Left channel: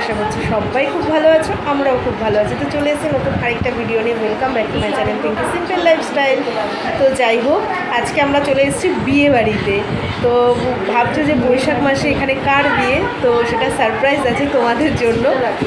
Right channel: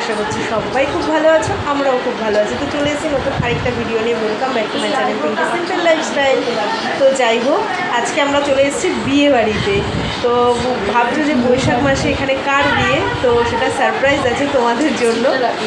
আশা করছি সবাই খুব ভালো আছো, আমরাও খুব ভালো আছি। তো চলে এসেছি নতুন আরেকটা ভিডিও নিয়ে। Welcome back to my channel Pinky simple lifestyle. তো যাই হোক, আজকে আমরা চলে এসেছি বিয়ে বাড়িতে। তো ভাবছো যে বৈশাখ মাসে এখানে কার বিয়ে, তো সেটা সারপ্রাইজ আছে তোমাদের জন্য।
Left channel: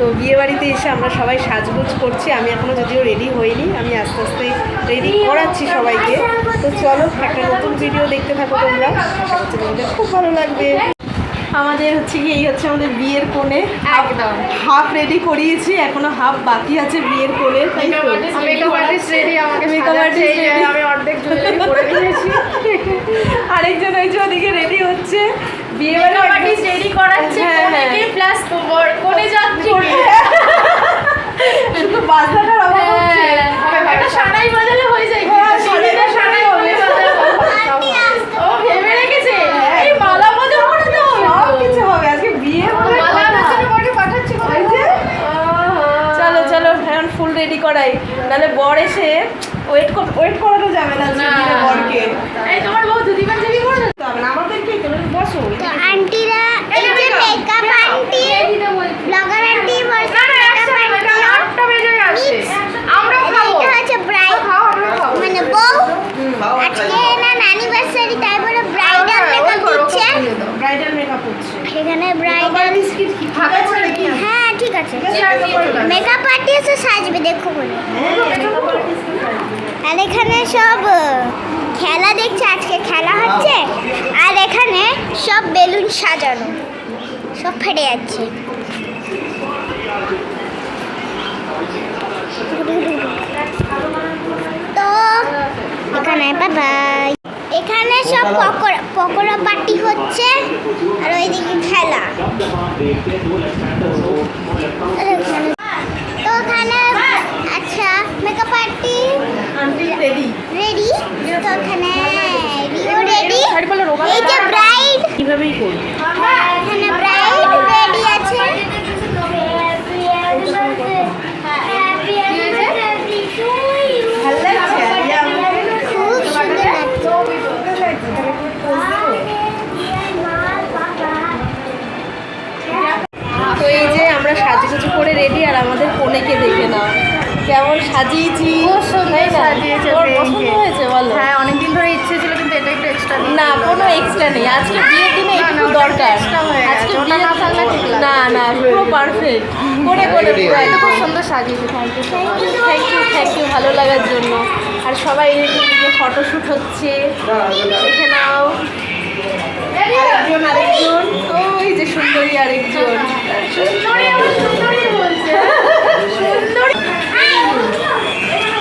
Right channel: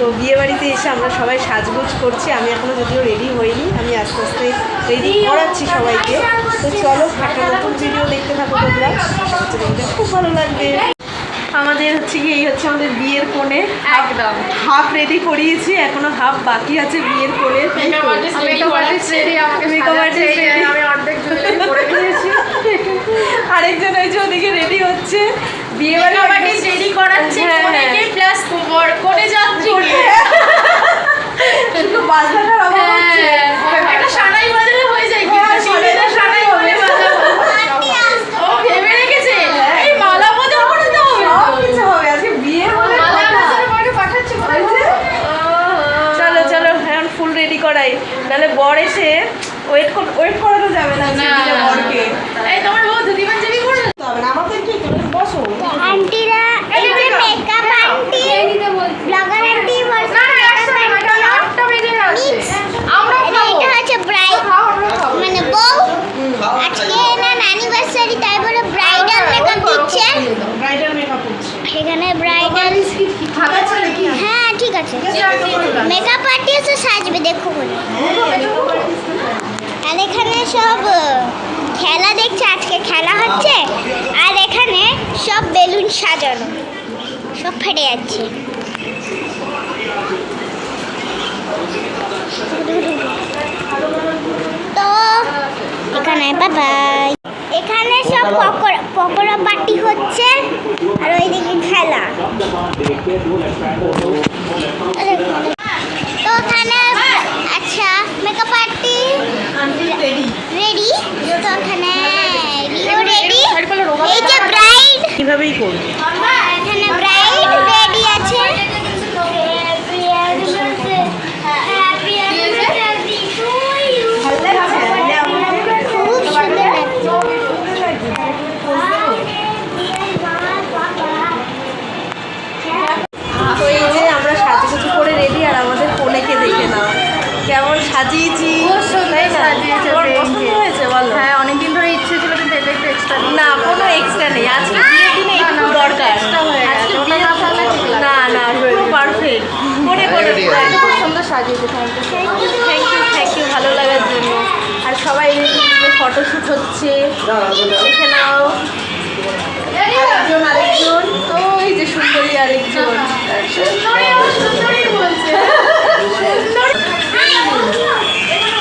তো বিয়ে বাড়িতে এসে আমরা সবাই সাজগোজ করছি। আমি এখনও যদিও রেডি হইনি, আমি আস্তে আস্তে রেডি করাচ্ছি সবাইকে। তো চলো একটা নতুন ভিডিও দেখতে থাকো তোমরা, আশা করছি তোমাদের খুব ভালো লাগবে। আমাদের হচ্ছে কি, এই হচ্ছে আমাদের বিয়ের কোণে। হাফ রেডি করিয়েছি, এখনো হাফ বাকি আছে বিয়ের কোণে। তাই তো মেকআপ আর্টিস্ট রেডি, আমি অর্ধেক করেছি। আরেকজন ওই যে ওদিকে রেডি হচ্ছে, বিয়ে বাড়ি রেডি করাচ্ছে। প্লাস কোণে যাচ্ছে, শুধু বাজনাটার অভাব হচ্ছে। একটা সানাই বাজালে হয়ে যায়, সানাই হবে। ও ভেবে রেখেছে এই মালা বদল করে দাও, সব কিছু হবে আজকে বিয়ে বলে পাঠাচ্ছে। চলো চলো এখন ফুল রেডি করাই, তাহলে বর এসে ওয়েট করানো যাবে না বরকে। এই তোমার বউ দুদিমান জিবি করে হবে না, আমাদের কি তোমরা বসো। আন্টিরা এই যে মেকআপ আন্টি, ব্লগার আন্টি বলছে মেকআপ আন্টি বেজে গেছে। আমরা খাবো, এটা হচ্ছে ব্রাইড মানে বউ। আজকে না অ্যানিভার্সারি, তাই বলে ব্রাইডাল মেকআপ দিচ্ছে। ব্রাইডাল মেকআপ হচ্ছে এখানে ব্রাইডাল। হ্যাঁ ঠিক আছে, মেকআপ আর্টিস্ট সাজবে দেখো বলে। আর এখানে সব খেলা দেখছে, আজকে খেলা হচ্ছে। আর এখানে সব বেলুন সাজানো, সব ফেটে যাচ্ছে। তো এখানে বাই, এখানে সব পকোড়া পার্টি হচ্ছে। আর ওইদিকে খেলা। তো ওখানে আচ্ছা মেকআপ আর্টি রেডি। তো ওখানে রিও রেডি, এই যে ব্রাইড কিভাবেই করব। এখানে ব্রাইড রেডি আছে। ভালো লাগছে, খুব সুন্দর লাগছে। তো এই যে আমরা সাজুগুজু করে রেডি, আর আমাদের কোনেকে দেখে নাও কেমন সাজিয়েছি। পছন্দ হয়েছে বলো? হ্যাঁ, অনেকদিন ধরে ইচ্ছে ছিল, কিন্তু এটা একটু এক্সট্রা না, কোনো এক্সট্রা নেই। আজকে বিয়ের দিনে একটু দরকার। আজকে ওটা না থাকলে ঠিক লাগবে না না, পুরো পারফেক্ট করে খুব সুন্দর সাজিয়েছে। থ্যাংক ইউ ভালো লাগার জন্য। আর সবাই এদিকে ফটোশ্যুট হচ্ছে, দেখে নাও। আরেকজন ওই যে সুন্দরী, আরেকজন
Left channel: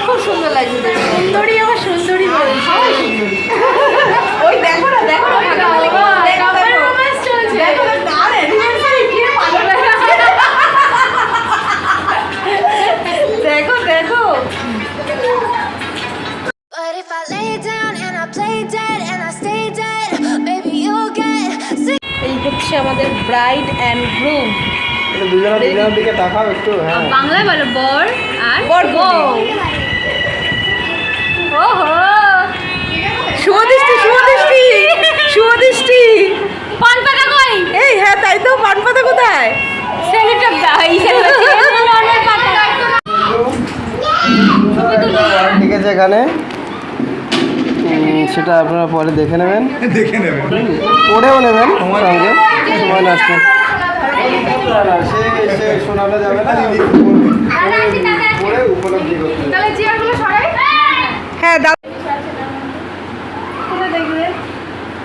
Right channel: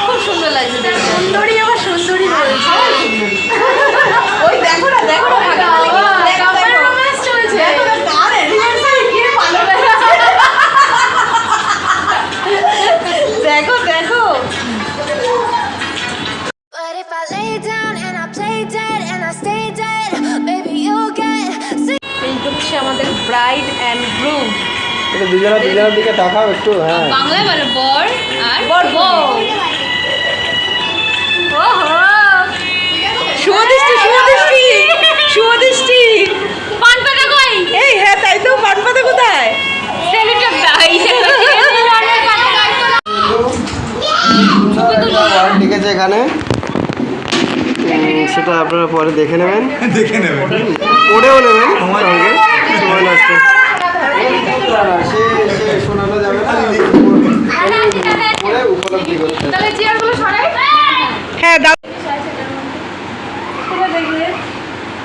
খুব সুন্দর লাগছে দেখতে। সুন্দরী আবার সুন্দরী ওই দেখো না, দেখো দেখো দেখো। এই হচ্ছে আমাদের ব্রাইড অ্যান্ড গ্রুম। এটা দুজনের দিকে তাকাও একটু। হ্যাঁ, বাংলায় বলো বর আর বউ। শুভদৃষ্টি পান পাতা কই? এই হ্যাঁ তাই তো, পান পাতা কোথায়? সেলিটা দাই ঠিক আছে, এখানে সেটা আপনারা পরে দেখে নেবেন, পড়েও নেবেন সঙ্গে। আসবে সে শোনানো যাবে না, পরে উপলব্ধি করতে। তাহলে চেয়ারগুলো সরাই। হ্যাঁ দাও।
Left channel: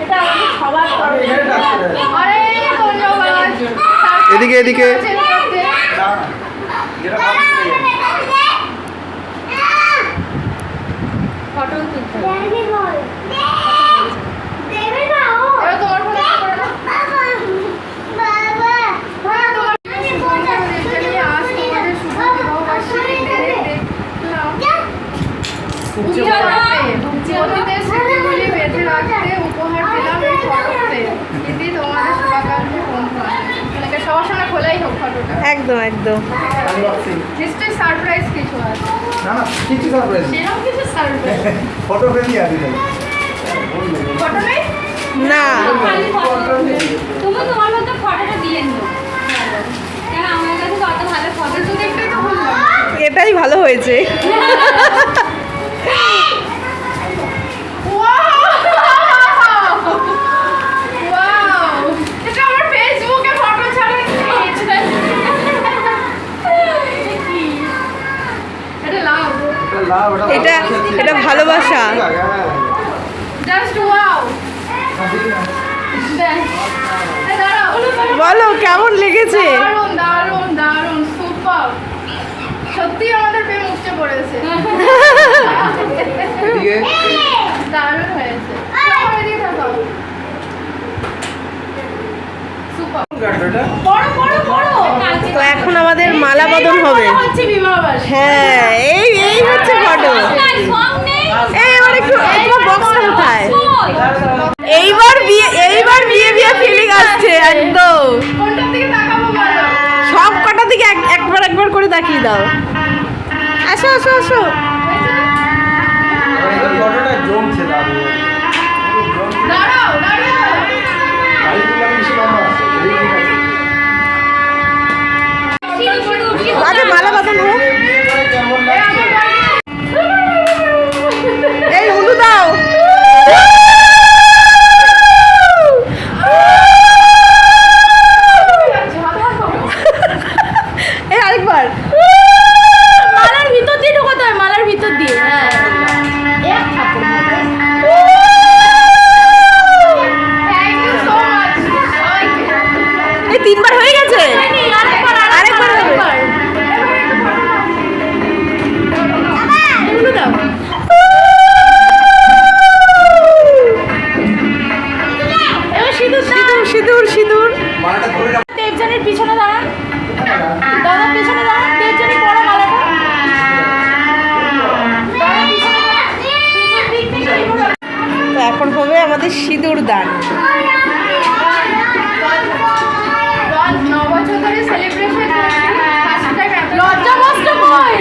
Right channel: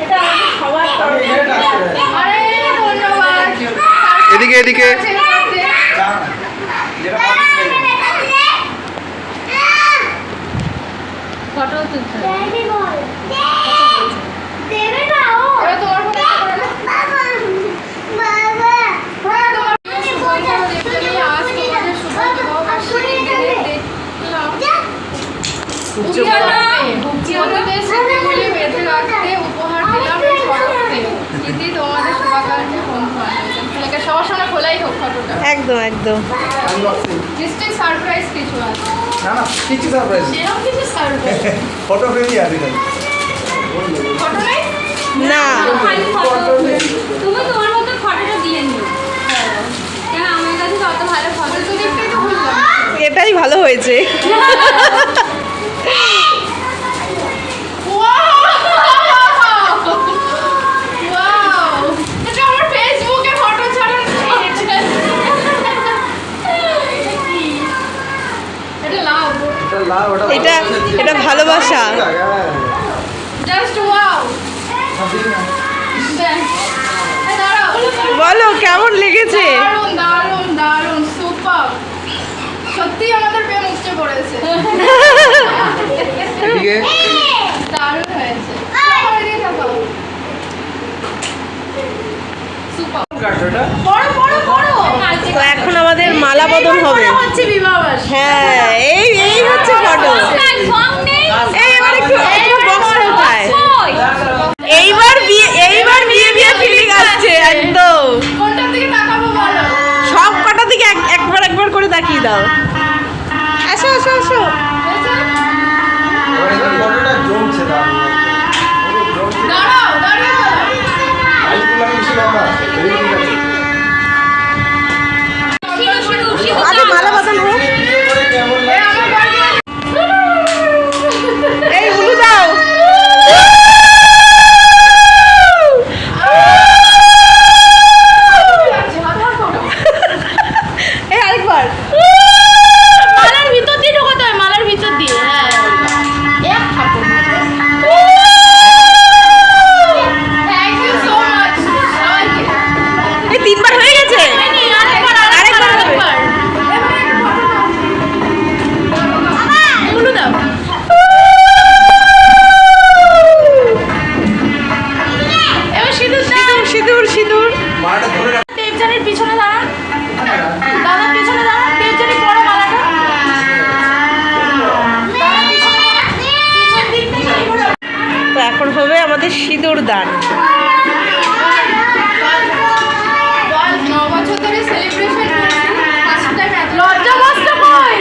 এটা আমাদের সবার আরে ধন্যবাদ। এদিকে এদিকে ফটো তুলতে দেবে বল, দেবে না ও। এবার তোমার ফটো করে নাও। বাবা হ্যাঁ, তোমার শুভ দেবজানি, আজ তোমাদের শুভ বিবাহ বার্ষিকী দিনে দেখলাম অতীতের স্মৃতিগুলি বেঁধে রাখতে উপহার দিলাম এই ফটোতে। ইতি তোমাদের শুভাকাঙ্ক্ষী বন্ধু বান্ধব। তাহলে সবার সামনে খোলাই হোক ফটোটা। একদম একদম। নিশ্চয়ই সারপ্রাইজ কিছু আছে। কিছু সারপ্রাইজ, সেরকম কিছু সারপ্রাইজ ফটো ফ্রেমই আছে। ফটো নেই না, খালি ফটো। তুমি তোমার মতো ফটোটা দিয়ে নিও। কেন আমাকে এটাই ভালো হয়েছে। Wow! এটা আমার ফেসবুকে ফটো ছাড়ানো হয়েছে। এটা লাভ। এটা ভালোবাসা। Just wow. বলো কেমন লেগেছে? দারুণ দারুণ দারুণ সুপার। সত্যি আমাদের প্রেম উঠে পড়েছে। দারুণ হয়েছে। সবাই এদিকে তাকাও। সুপার। বড় বড় বড়। তো এখন আমাদের মালা বদল হবে। হচ্ছে বিবাহবাস। হ্যাঁ, এই হচ্ছে ফটো। বক্সটা কোথায়? এইবার বিয়ে ফিলিং আসছে একদম। কোনটার দিকে তাকাবো বলো? সব কটা দিকে একবার করে তাকিয়ে দাও। আসো। হয়েছে? ফটোটা জমছে দারুণ। দাঁড়াও দাঁড়িয়ে বলো। আগে মালা বদল হোক। এই উলু দাও। এই আরেকবার। মালার ভিতর দিয়ে ঢোকাতে হয়, মালার ভিতর দিয়ে। হ্যাঁ। থ্যাংক ইউ সো মাচ সবাইকে। এই 3 বার হয়ে গেছে। আরেকবার হবে। উলু দাও। এবার সিঁদুর দাও। সিঁদুর। মাটা ধরে রাখ। দেবজানের পিছনে দাঁড়ান। দাদা পিছনে দাঁড়ান। দেবজানের পড়া মালাটা। দাদা পিছনে দাঁড়ান। পিছন দিক থেকে ঘোরান। তো এখন হবে আমাদের সিঁদুর দান। 9 বছর ধরে সেলিব্রেশন করছি। ফার্স্ট টাইম এত লজ্জা কষ্ট কই।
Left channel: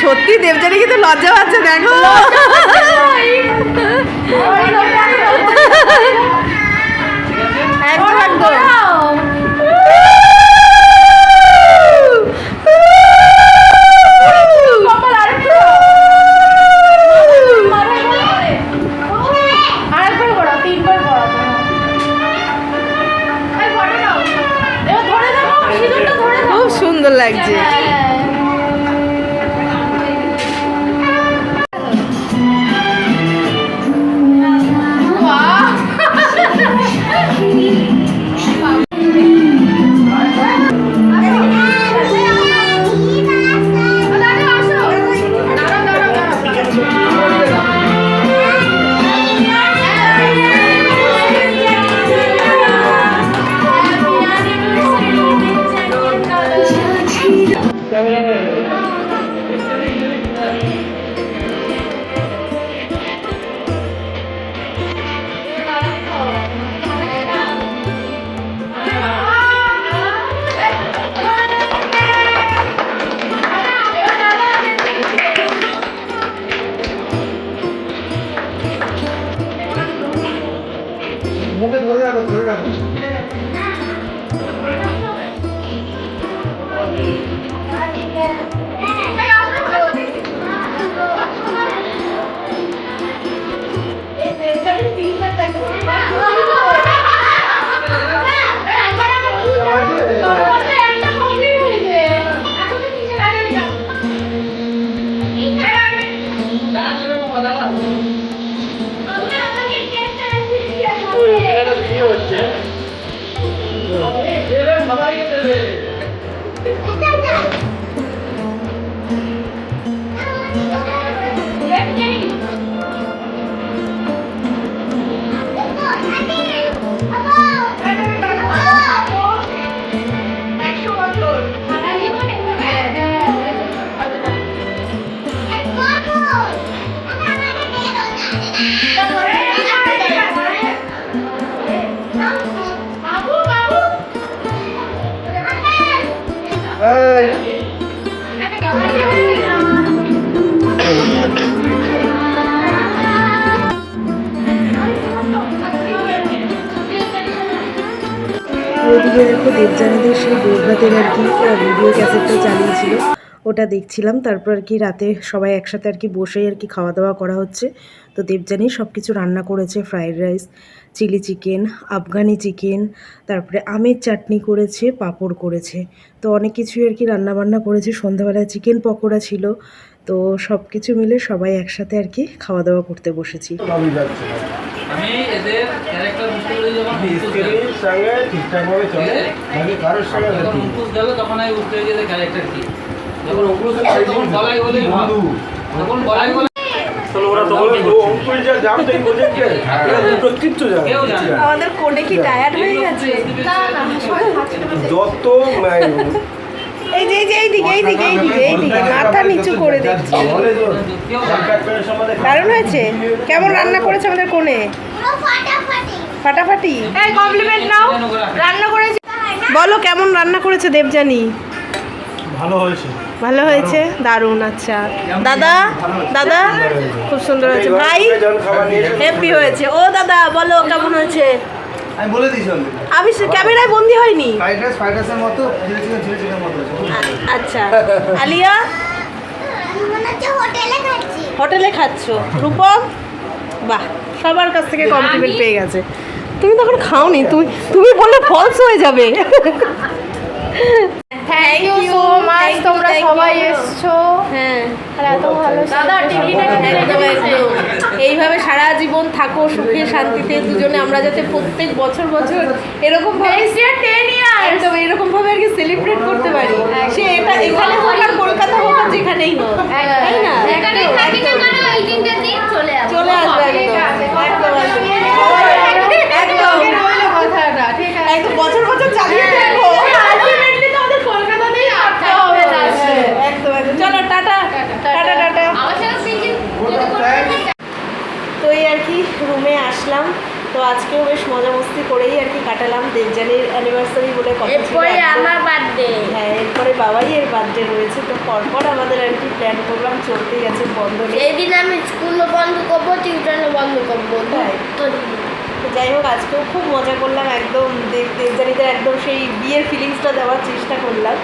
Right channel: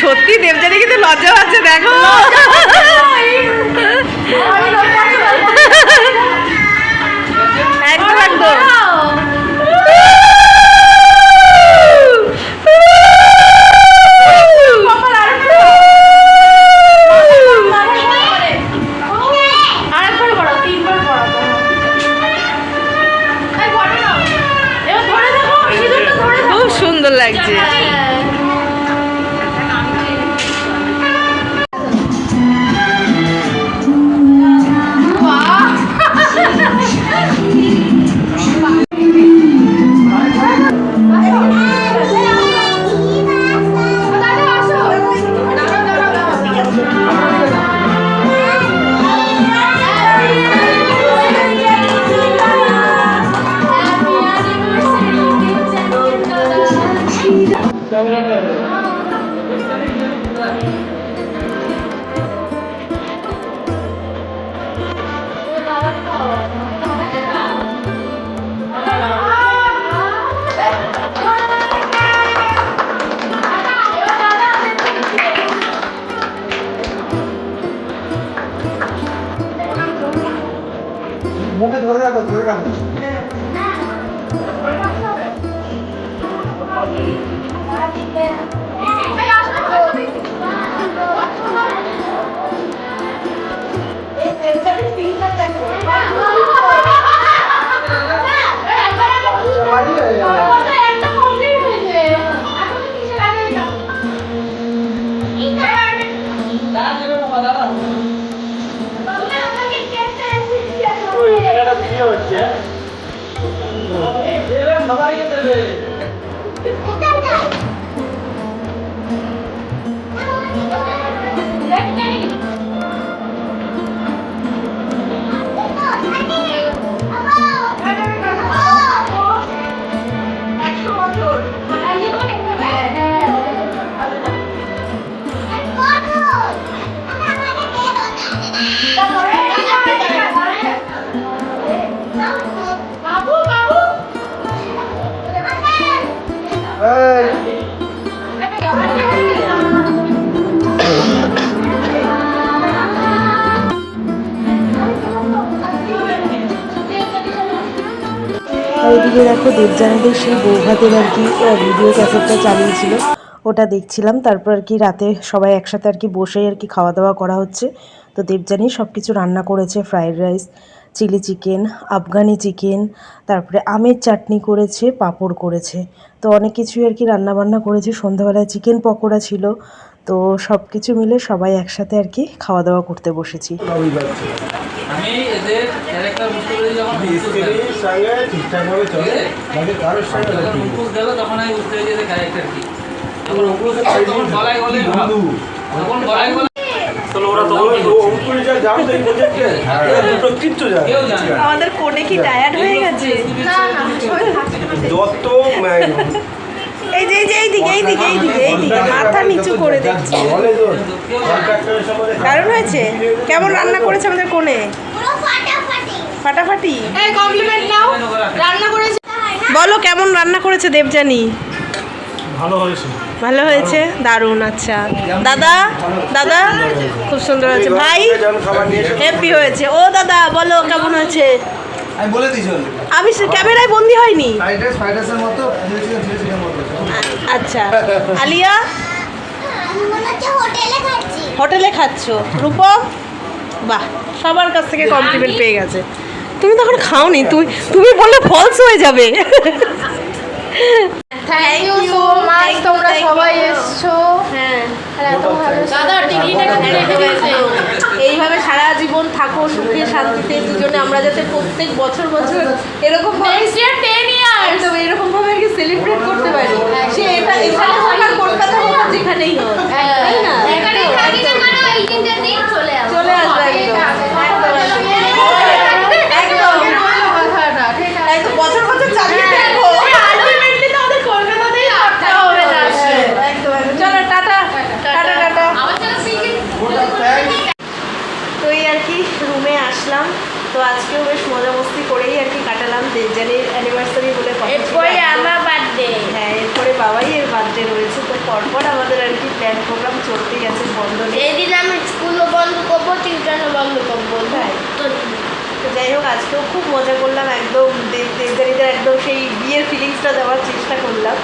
সত্যি দেবজানি কিন্তু লজ্জা পাচ্ছে, দেখো। একদম আরেকবার করো, 3 বার করো। এই ফটো নাও। এবার ধরে দেখো, সিঁদুরটা ধরে দেখো। খুব সুন্দর লাগছে। মুখে ধরে রাখো। এদিকে দেখো দেবযানীদের সেই বৌভাতের আর কি ভিডিও ক্যাসেটটা চালিয়েছিল, ওটা দেখছিলাম। তারপর আর কি রাতে সবাই একসাথে আর কি বসেই আর কি খাওয়া দাওয়া করা হচ্ছে। তো দেবযানী সব কিছু রান্না করেছে, fried rice, chilli chicken, Afghani chicken, তারপরে আমের চাটনি করেছে, পাঁপড় করেছে। তো অনেক কিছুই আর কি রান্নাবান্না করেছে। সন্ধ্যাবেলায় চিকেন পকোড়া ছিল। তো সব কিছু মিলে সবাই একসাথে আর কি খাওয়া দাওয়া করতে বসেছি। আমি এদের ক্যারেক্টার বুঝতে পেরে যখন ঠিকঠাকভাবে চলে, বাকি কারোর সঙ্গে যখন মুখোশ গেল তখন আমি বুঝতে পেরেছি যে ক্যারেক্টার কি। যখন গলায় গলে বন্ধু যখন গলায় গলে কেউ জানে না। আমাদের কোডে কি টায়ার্ড হয়ে গেছে? না না সবাই খাচ্ছে দত্ত এই যে এইদিকে মাথা নিচু করে দিচ্ছি। দারুণ হয়েছে। কেমন রান্না করেছে আমাদের কোণে? পুরো ফাটাফাটি। ফাটাফাটি। এই কমপ্লিমেন্ট নাও। রান্না করেছি। বলো কেমন রান্না করেছে দেবযানী? ভালো হয়েছে। ভালো হয়েছে, দারুণ। আচ্ছা দাদা, দাদা খুব সুন্দর হয়েছে। ভাই হ্যাপি হয়েছে। ও দাদা বলো কেমন হয়েছে? আমি বলে দিয়েছি আমি ক্যামেরায় বন্দি হয়নি। ফ্রাইড রাইসের মতো আচ্ছা আলিয়া আমি মনে হচ্ছে হোটেলে খাচ্ছি। হোটেলে খাচ্ছ? রূপম বাহ, সবার কাছ থেকে কমপ্লিমেন্ট পেয়ে গেছে। তুমি তো এখন খাওনি, তুমি বললে ফলস হয়ে যাবে। থ্যাংক ইউ সো মাচ, তোমরা সবাই এসছো। হ্যাঁ আর এত ভালো দাদা এইভাবে সারা জীবন থাকো সুখে শান্তিতে দুজনে। আমরা যাতে প্রত্যেক বছর বছর এরকম ভাবে নেক্সট ইয়ার 10 ইয়ার্স একদম এরকম ভাবে আর কি সেলিব্রেট করতে পারি। সে এটা এখানে হোক আর কলকাতা হোক আর যেখানেই হোক, তাই না? চলে আসবে একদম একদম একদম কথাটা ঠিক আছে। একদম বছর বছর চালিয়ে দেখবো। আলটিমেটলি তো আমাদের কলকাতাতেই থাকতে হবে। একদম একদম। চলো টাটা টাটা টাটা। তো এই আর কি রুমে আসলাম। তো আজকেও বেশ মজা মস্তি করেই আর কি কাটালাম। দেবযানীর অ্যানিভার্সারি বলে কথা ছিল এরপরে একদম। আমার বার্থডে। হ্যাঁ এরপরে বাবাই এর বার্থডে রয়েছে। তো পরপর আমাদের আর কি প্ল্যান প্রোগ্রাম চলতেই আছে, বন্ধ নেই। সেই দিন আমি স্কুলও বন্ধ করবো, টিউশনও বন্ধ করবো। তাই? তো তো যাই হোক আজকেও খুব মজা করলাম। একদম দেবযানীদের একদম সেই বিয়ের ফিলিংসটা দেওয়ার চেষ্টা করলাম।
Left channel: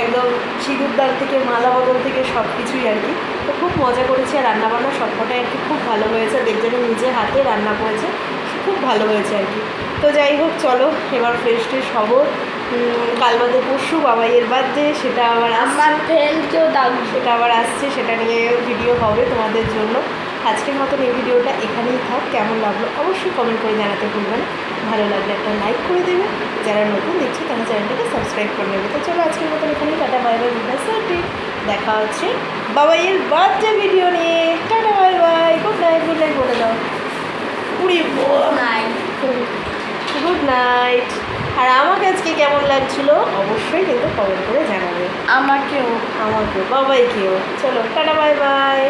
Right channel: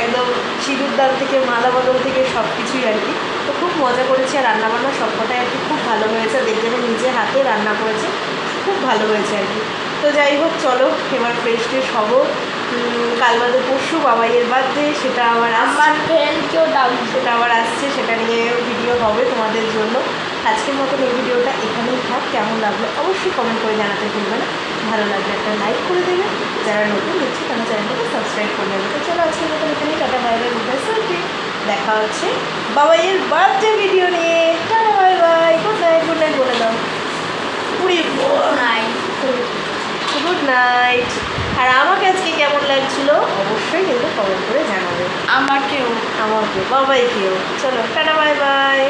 একদম সিঁদুর দান থেকে মালা বদল থেকে সব কিছুই আর কি। তো খুব মজা করেছি। আর রান্নাবান্না সবকটাই আর কি খুব ভালো হয়েছে। দেবযানী নিজে হাতে রান্না করেছে, খুব ভালো হয়েছে আর কি। তো যাই হোক চলো এবার ফ্রেশ ট্রেশ হবো। কাল বাদে পরশু বাবাইয়ের বার্থডে, সেটা আবার আমার ফ্রেন্ডকেও দাও। সেটা আবার আসছে, সেটা নিয়ে ভিডিও হবে তোমাদের জন্য। আজকের মতন এই ভিডিওটা এখানেই থাক। কেমন লাগলো অবশ্যই কমেন্ট করে জানাতে ভুলবে না। ভালো লাগলে একটা লাইক করে দেবে। যারা নতুন দেখছে তারা চ্যানেলটাকে সাবস্ক্রাইব করে নেবে। তো চলো আজকের মতন এখানেই tata bye bye, good night. দেখা হচ্ছে বাবাইয়ের বার্থডে ভিডিও নিয়ে। Tata bye bye, good night বলে দাও। Good night. আর আমাকে আজকে কেমন লাগছিল অবশ্যই কিন্তু কমেন্ট করে জানাবে। আমাকেও আমাকেও, বাবাইকেও। চলো টাটা বাই বাই।